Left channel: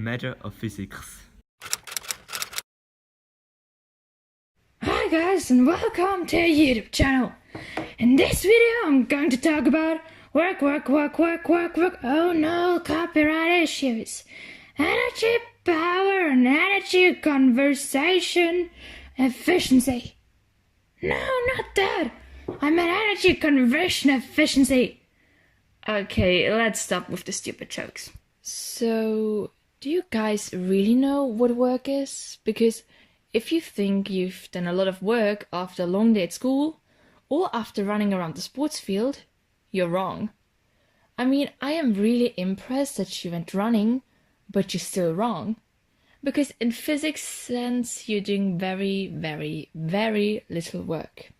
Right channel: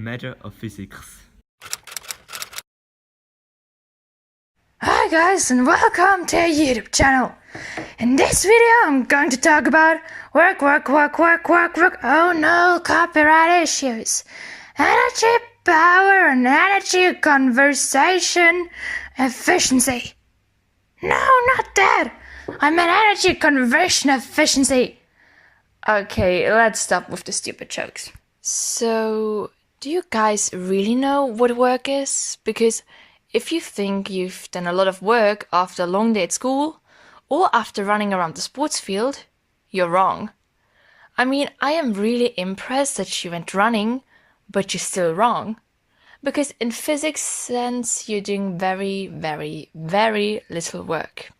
Hemmetter of physics. Hi guys and welcome to our YouTube channel. In this video I'm going to talk about work. Oh no, copyright issues. Energy, power and energy conservation efficiency. No, not that. I meant energy conversion efficiency. Okay, let's stop with the stupid jokes. So, do you guys really know what work is? Because if you think you've done a lot of work after a long day at school or after running around the sports field, you're wrong. I mean, I am really impressed that you went running, but you're still wrong. Because in physics sense, you're doing very little work.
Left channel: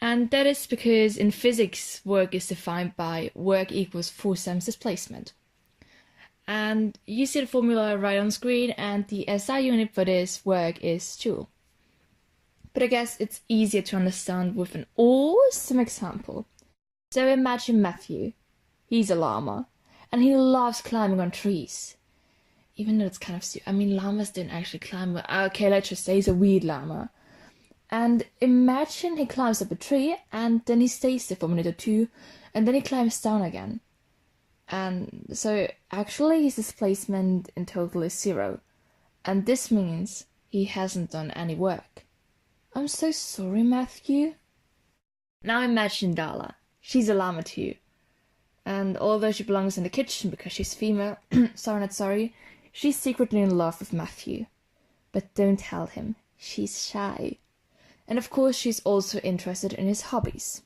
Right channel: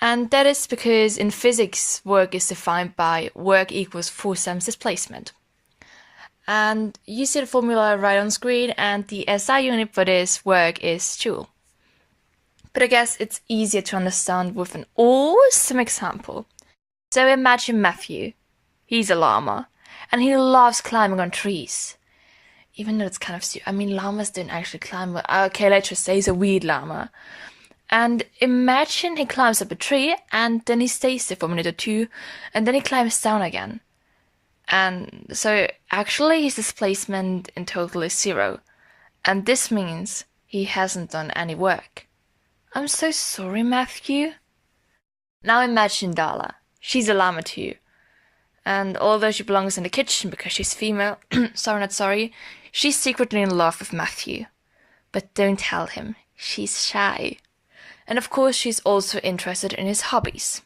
And that is because in physics, work is defined by work equals force times displacement. And you see the formula right on screen, and the SI unit for this work is joule. But I guess it's easier to understand with an awesome example. So imagine Matthew. He's a llama, and he loves climbing on trees. Even though it's kind of stupid. I mean, llamas don't actually climb. But okay, let's just say he's a weird llama. And imagine he climbs up a tree, and then he stays there for a minute or two, and then he climbs down again. And so actually his displacement in total is 0. And this means he hasn't done any work. I'm so sorry, Matthew. Now imagine Dilara. She's a llama too. And although she belongs in the kitchen because she's female, sorry, she's secretly in love with Matthew. But don't tell him, she's shy. And of course she's also interested in his hobbies.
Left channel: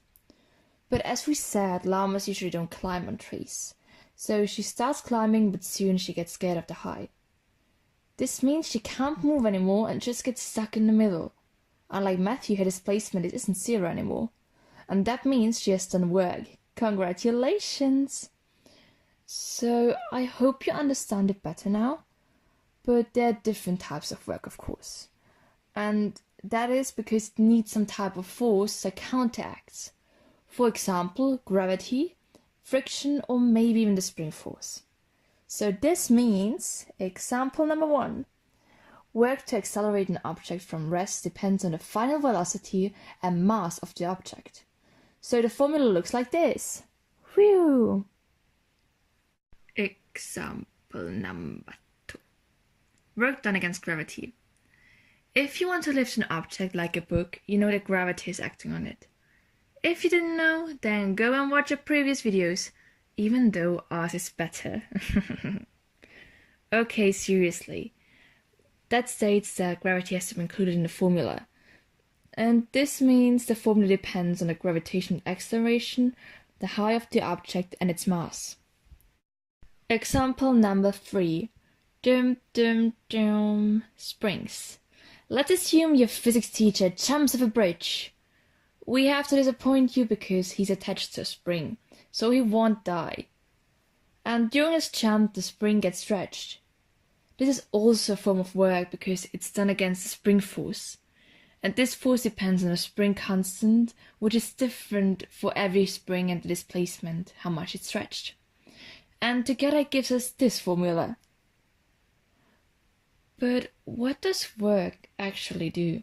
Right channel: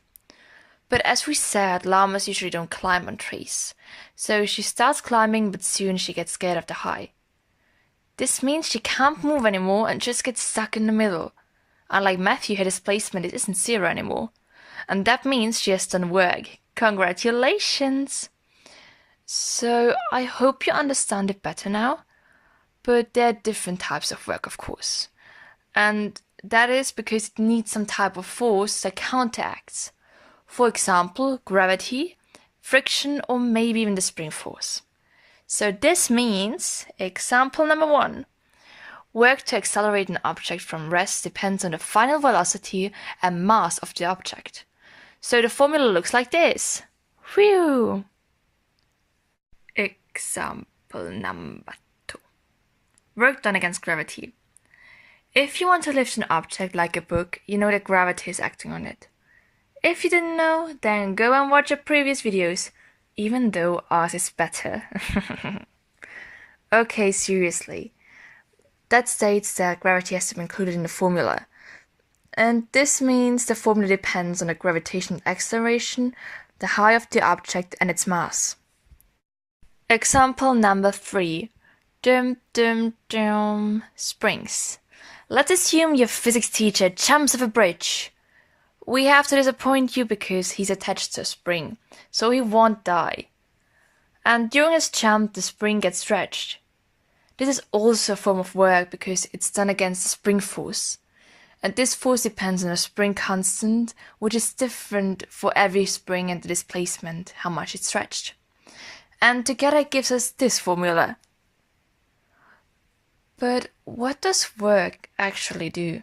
But as we said, llamas usually don't climb on trees. So she starts climbing, but soon she gets scared of the height. This means she can't move anymore and just gets stuck in the middle. Unlike Matthew, her displacement isn't 0 anymore. And that means she has done work. Congratulations! So I hope you understand it better now. But there are different types of work, of course. And that is because it needs some type of force that counteracts. For example, gravity, friction, or maybe even the spring force. So this means, example number 1, work to accelerate an object from rest depends on the final velocity and mass of the object. So the formula looks like this. Whew! Example number 2. Work done against gravity. If you want to lift an object like a book, you know that gravity is acting on it. If you didn't know, then go and watch our previous videos, even though ours is better. Okay, seriously. That states that gravity has to be included in the formula. And this means the formula depends on the gravitational acceleration, the height of the object, and its mass. Example number 3. Springs. Let's assume your physics teacher jumps off a bridge. We have to disappoint you because he's attached to a spring, so he won't die. And during his jump, the spring gets stretched. This is also a form of work because it's done against the spring force. And this force depends on a spring constant, which is different for every spring and the displacement, how much it's stretched. And together it gives us this formula. But what does work actually do?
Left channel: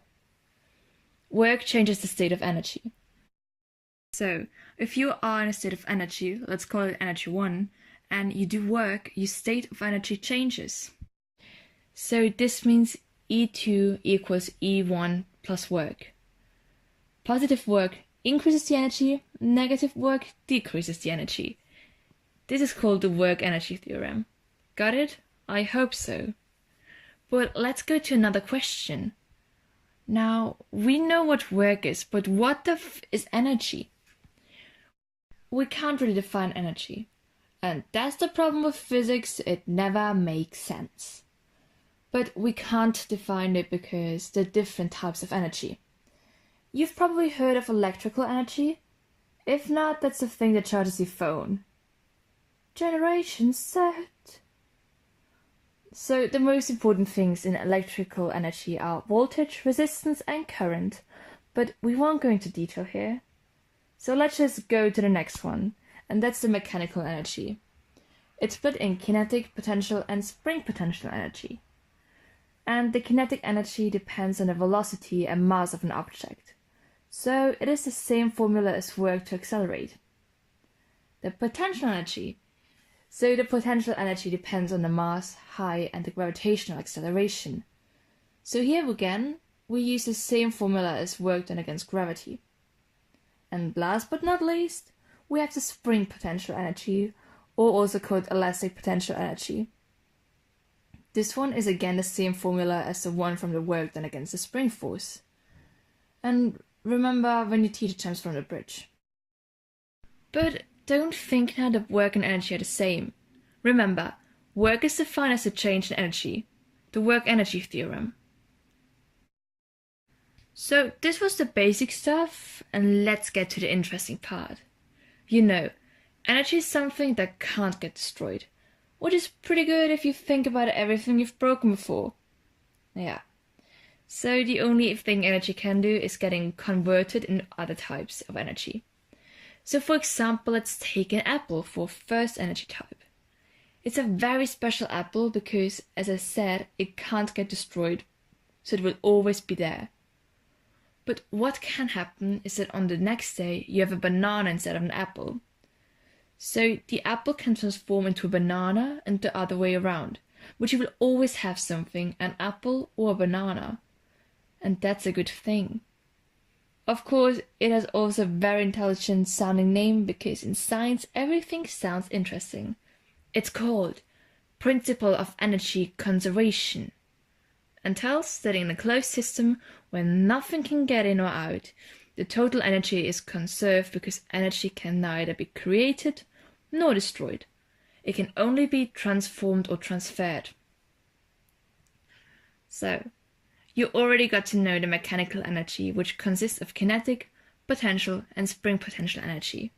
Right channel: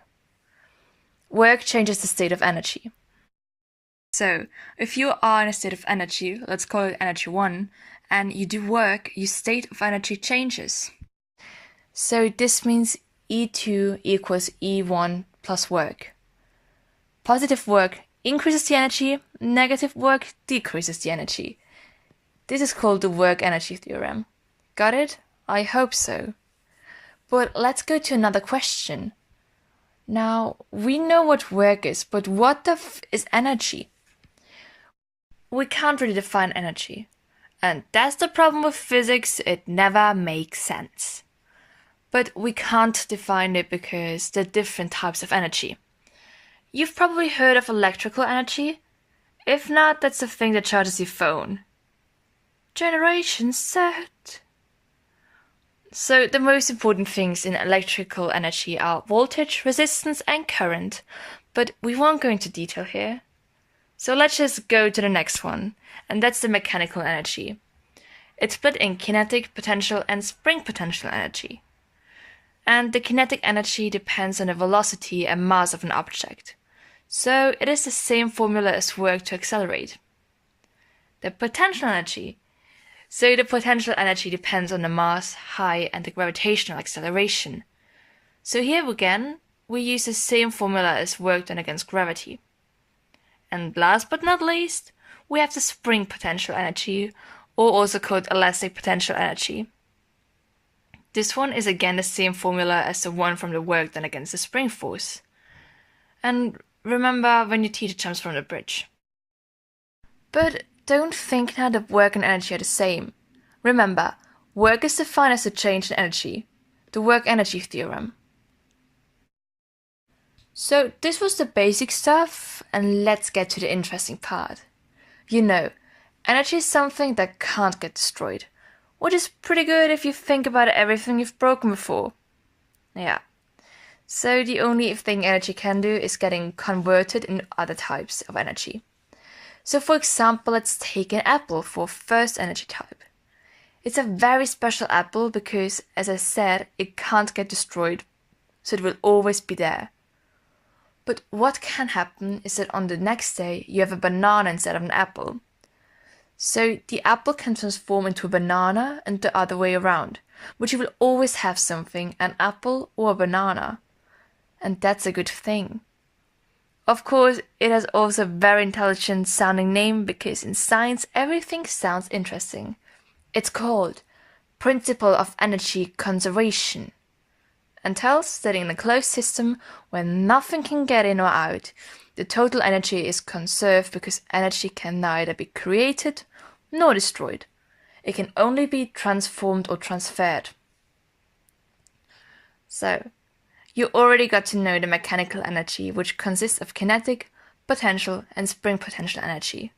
Work changes the state of energy. So, if you are in a state of energy, let's call it energy 1, and you do work, your state of energy changes. So this means E2 equals E1 plus work. Positive work increases the energy, negative work decreases the energy. This is called the work-energy theorem. Got it? I hope so. But let's go to another question. Now, we know what work is, but what the f is energy? We can't really define energy. And that's the problem with physics, it never makes sense. But we can't define it because there are different types of energy. You've probably heard of electrical energy. If not, that's the thing that charges your phone. Generation set. So the most important things in electrical energy are voltage, resistance and current, but we won't go into detail here. So let's just go to the next one, and that's the mechanical energy. It's split in kinetic potential and spring potential energy. And the kinetic energy depends on the velocity and mass of an object. So it is the same formula as work to accelerate. The potential energy. So the potential energy depends on the mass, height, and the gravitational acceleration. So here again, we use the same formula as work done against gravity. And last but not least, we have the spring potential energy, or also called elastic potential energy. This one is again the same formula as the one from the work done against the spring force. And remember when your teacher jumps from the bridge. But don't think now that work and energy are the same. Remember, work is defined as a change in energy, the work-energy theorem. So this was the basic stuff, and let's get to the interesting part. You know, energy is something that can't get destroyed, which is pretty good if you think about everything you've broken before. Yeah. So the only thing energy can do is getting converted into other types of energy. So for example, let's take an apple for first energy type. It's a very special apple because, as I said, it can't get destroyed, so it will always be there. But what can happen is that on the next day you have a banana instead of an apple. So the apple can transform into a banana and the other way around, but you will always have something, an apple or a banana. And that's a good thing. Of course, it has also a very intelligent sounding name because in science everything sounds interesting. It's called Principle of Energy Conservation, and tells that in a closed system where nothing can get in or out, the total energy is conserved because energy can neither be created nor destroyed. It can only be transformed or transferred. So, you already got to know the mechanical energy, which consists of kinetic, potential, and spring potential energy.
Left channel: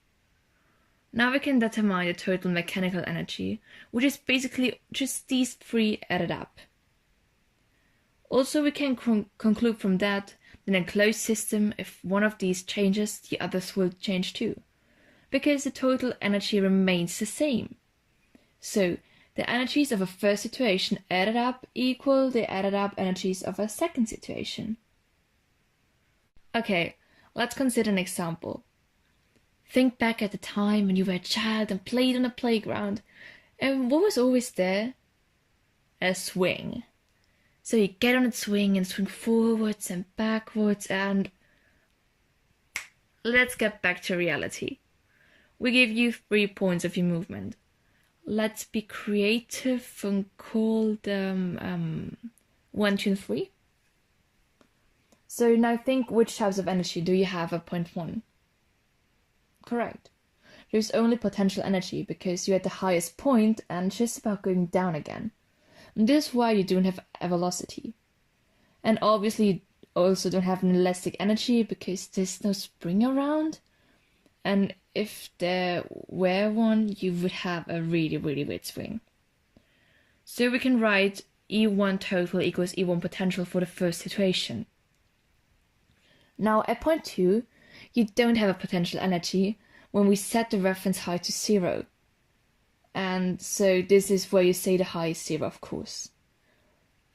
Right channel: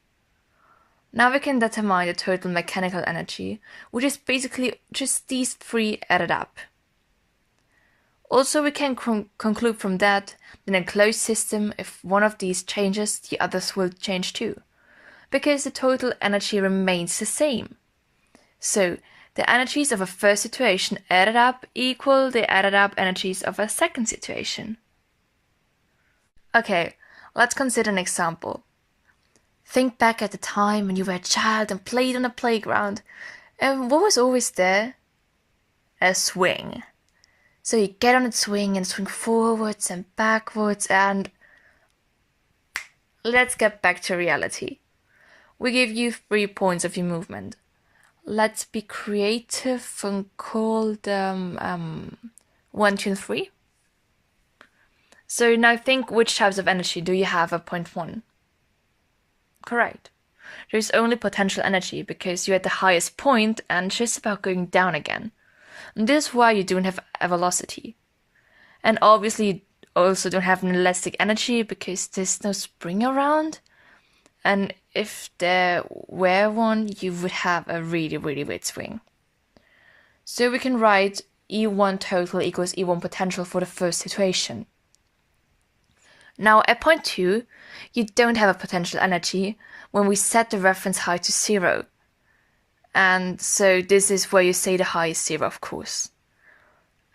Now we can determine the total mechanical energy, which is basically just these three added up. Also, we can conclude from that in a closed system, if one of these changes, the others will change too, because the total energy remains the same. So, the energies of a first situation added up equal the added up energies of a second situation. Okay, let's consider an example. Think back at the time when you were a child and played on the playground, and what was always there? A swing. So you get on the swing and swing forwards and backwards, and let's get back to reality. We give you 3 points of your movement. Let's be creative and call them 1, 2, and 3. So now think, which types of energy do you have at point 1? Correct. There's only potential energy because you're at the highest point and just about going down again. And this is why you don't have a velocity. And obviously you also don't have an elastic energy because there's no spring around. And if there were one, you would have a really, really weird swing. So we can write E1 total equals E1 potential for the first situation. Now at point 2, you don't have a potential energy when we set the reference height to 0. And so this is where you say the height is 0, of course.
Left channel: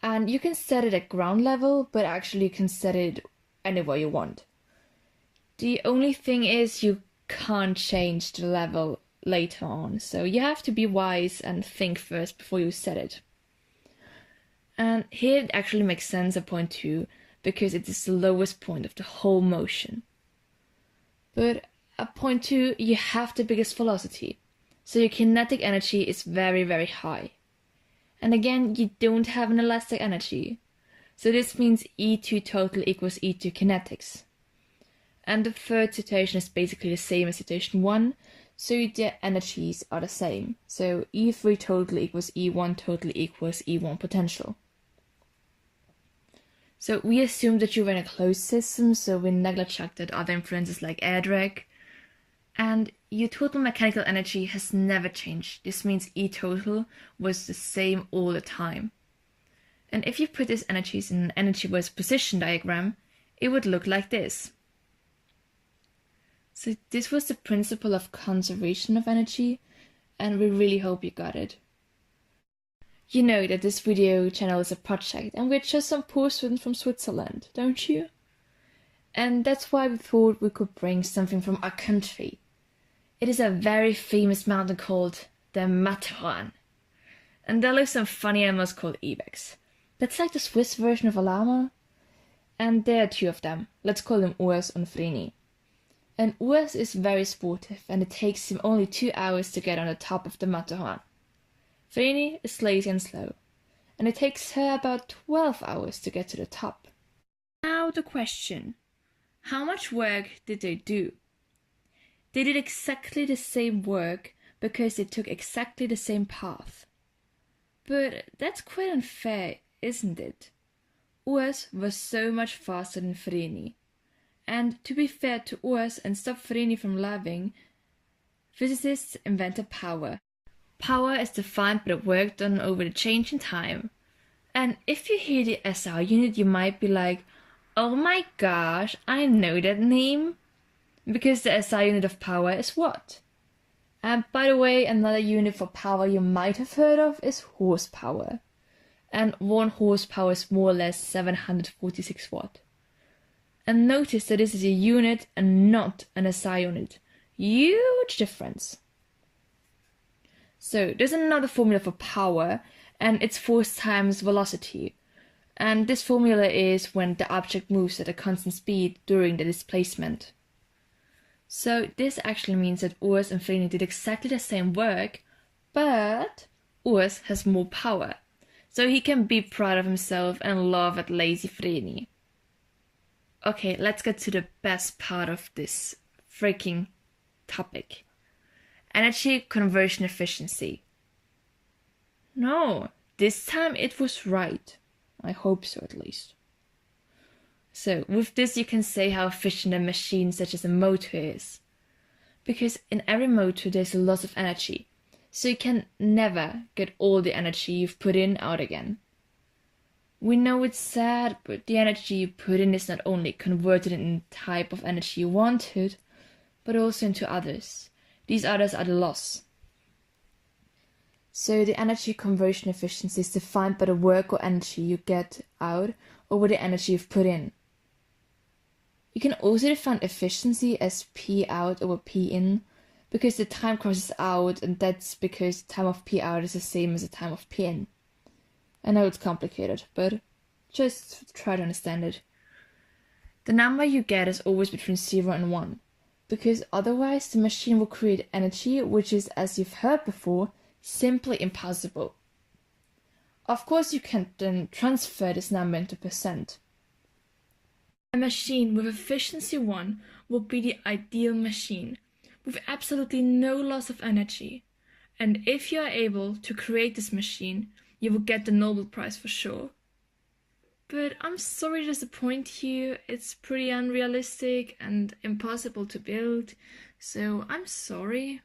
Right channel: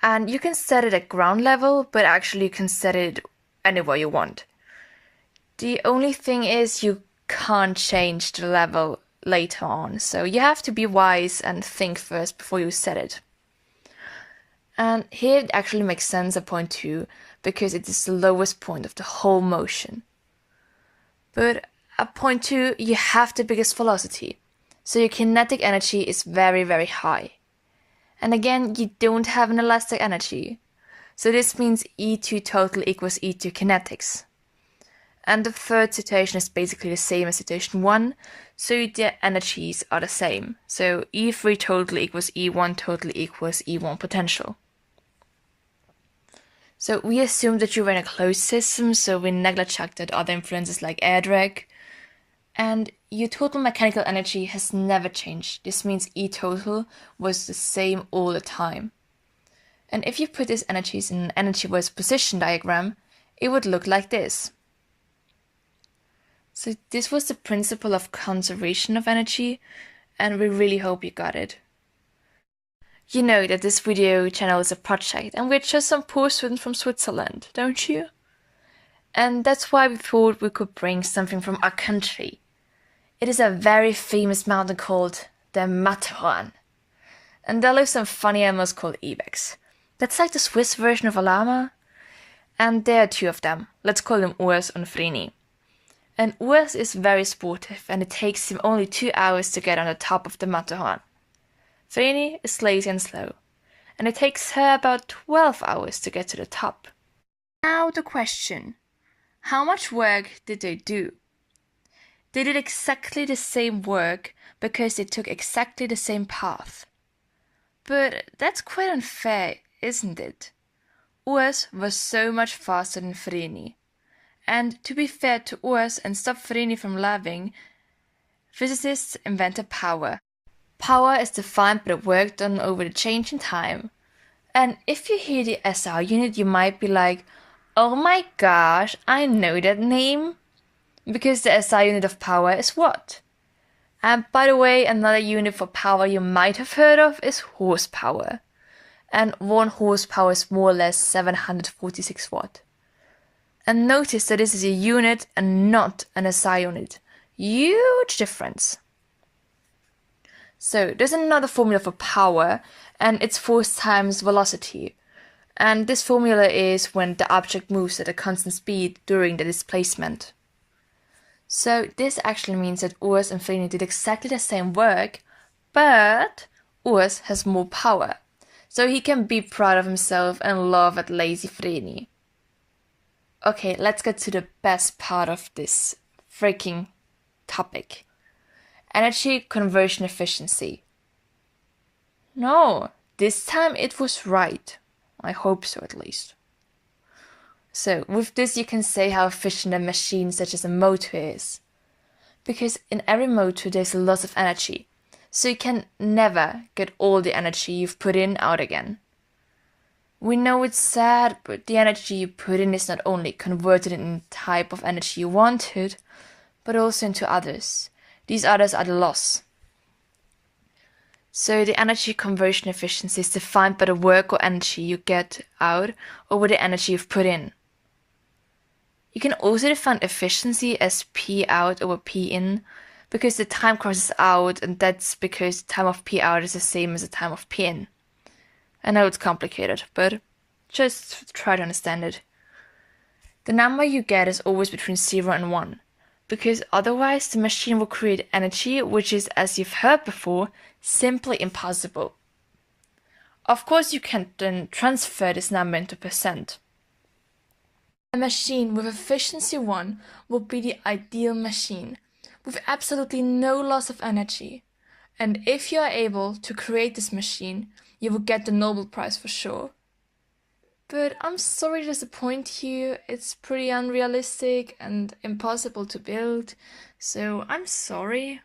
And you can set it at ground level, but actually you can set it anywhere you want. The only thing is you can't change the level later on, so you have to be wise and think first before you set it. And here it actually makes sense at point 2 because it is the lowest point of the whole motion. But at point 2 you have the biggest velocity, so your kinetic energy is very, very high. And again, you don't have an elastic energy, so this means E2 total equals E2 kinetics. And the third situation is basically the same as situation 1, so the energies are the same. So E3 total equals E1 total equals E1 potential. So we assume that you're in a closed system, so we neglect that other influences like air drag. And your total mechanical energy has never changed. This means E total was the same all the time. And if you put these energies in an energy-wise position diagram, it would look like this. So this was the principle of conservation of energy, and we really hope you got it. You know that this video channel is a project and we're just some poor students from Switzerland, don't you? And that's why we thought we could bring something from our country. It is a very famous mountain called the Matterhorn. And there live some funny animals called ibex. That's like the Swiss version of a llama. And there are two of them. Let's call them Urs and Flurina. And Urs is very sportive and it takes him only 2 hours to get on the top of the Matterhorn. Flurina is lazy and slow. And it takes her about 12 hours to get to the top. Now the question. How much work did they do? They did exactly the same work because they took exactly the same path. But that's quite unfair, isn't it? Urs was so much faster than Flurina. And to be fair to Urs and stop Flurina from laughing, physicists invented power. Power is defined by the work done over the change in time. And if you hear the SI unit, you might be like, oh my gosh, I know that name. Because the SI unit of power is what? And by the way, another unit for power you might have heard of is horsepower. And 1 horsepower is more or less 746 watt. And notice that this is a unit and not an SI unit. Huge difference. So there's another formula for power, and it's force times velocity. And this formula is when the object moves at a constant speed during the displacement. So this actually means that Urs and Flurina did exactly the same work, but Urs has more power. So he can be proud of himself and laugh at lazy Flurina. Okay, let's get to the best part of this freaking topic. Energy conversion efficiency. No, this time it was right. I hope so, at least. So, with this you can say how efficient a machine such as a motor is. Because in every motor there's a loss of energy. So you can never get all the energy you've put in out again. We know it's sad, but the energy you put in is not only converted in the type of energy you wanted, but also into others. These others are the loss. So the energy conversion efficiency is defined by the work or energy you get out over the energy you've put in. You can also define efficiency as P out over P in, because the time crosses out, and that's because the time of P out is the same as the time of P in. I know it's complicated, but just try to understand it. The number you get is always between 0 and 1, because otherwise the machine will create energy which is, as you've heard before, simply impossible. Of course, you can then transfer this number into percent. A machine with efficiency 1 will be the ideal machine, with absolutely no loss of energy. And if you are able to create this machine, you will get the Nobel Prize for sure. But I'm sorry to disappoint you, it's pretty unrealistic and impossible to build, so I'm sorry.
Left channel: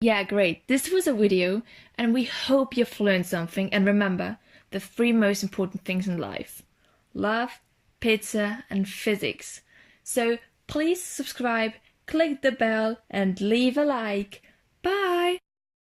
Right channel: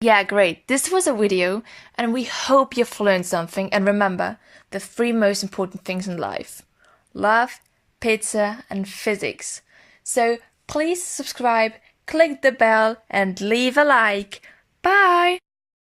Yeah, great. This was a video, and we hope you've learned something. And remember, the 3 most important things in life: love, pizza, and physics. So please subscribe, click the bell, and leave a like. Bye!